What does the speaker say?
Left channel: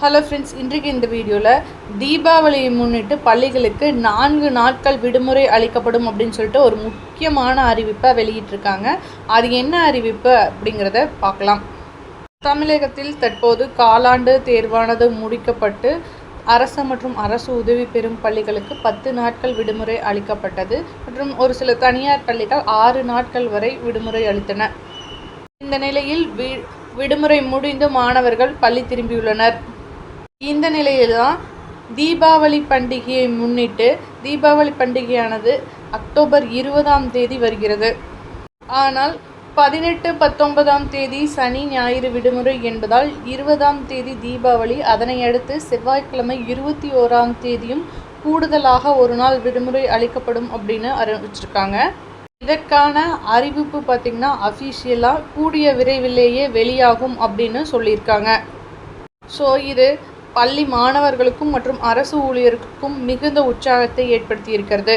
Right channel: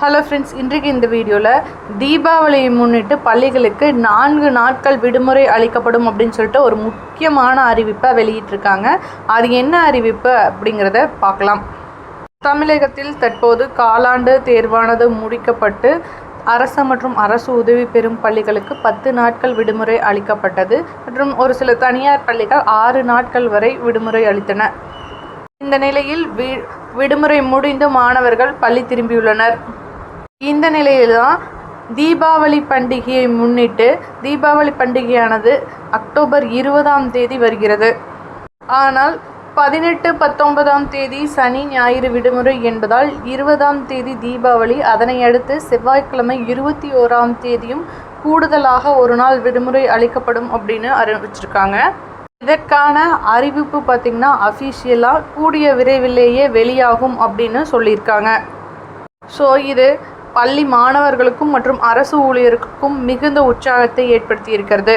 Hello friends, இன்றைக்கு இந்த வீடியோவில் தீபாவளியை முன்னிட்டு பள்ளிகளுக்கு 4 நாட்கள் விடுமுறை அளிக்கப்படும் அப்படின்னு சொல்லிட்டு ஒரு முக்கியமான அறிவிப்பை வெளியிட்டிருக்காங்க. அது என்ன அறிவிப்பு அப்படிங்கிறத பார்க்கலாம். தமிழகத்தில் தற்போது காலாண்டு தேர்வானது முடிக்கப்பட்டு அரசு மற்றும் அரசு உதவி பெறும் பள்ளிகளுக்கு 10 நாட்கள் விடுமுறை அளிக்கப்பட்டது மற்றும் ஒரு சில தனியார் பள்ளிகள் 6 நாட்கள் வரை விடுமுறை அளித்தன. இந்த நிலையில் விடுமுறை முடிந்து மாணவர்கள் பள்ளி திரும்பியுள்ளனர். இந்த நிலையில்தான் தீபாவளி பண்டிகையை முன்னிட்டு தீபாவளி பண்டிகையானது அக்டோபர் 20ஆம் தேதி வருகிறது. ஆனால் 18, 19ஆம் தேதி சனி ஞாயிறு விடுமுறை என்பதால் 20ஆம் தேதி தீபாவளி, அதனை அடுத்து செவ்வாய்க்கிழமை 21ஆம் தேதியும் கூடுதலாக ஒரு நாள் விடுமுறை அளிக்கப்படும் அப்படின்னு அறிவிச்சிருக்காங்க. இதற்கான அறிவிப்பு பார்த்திங்கன்னா அஃபிஷியலாக கூடிய விரைவிலேயே வெளியாகும் அப்படின்னு சொல்லியிருக்காங்க. ஸோ இது பள்ளி மாணவர்களுக்கும் மற்றும் அரசு ஊழியர்களுக்கும் மிகுந்த உற்சாகத்தை ஏற்படுத்தி இருக்கிறது.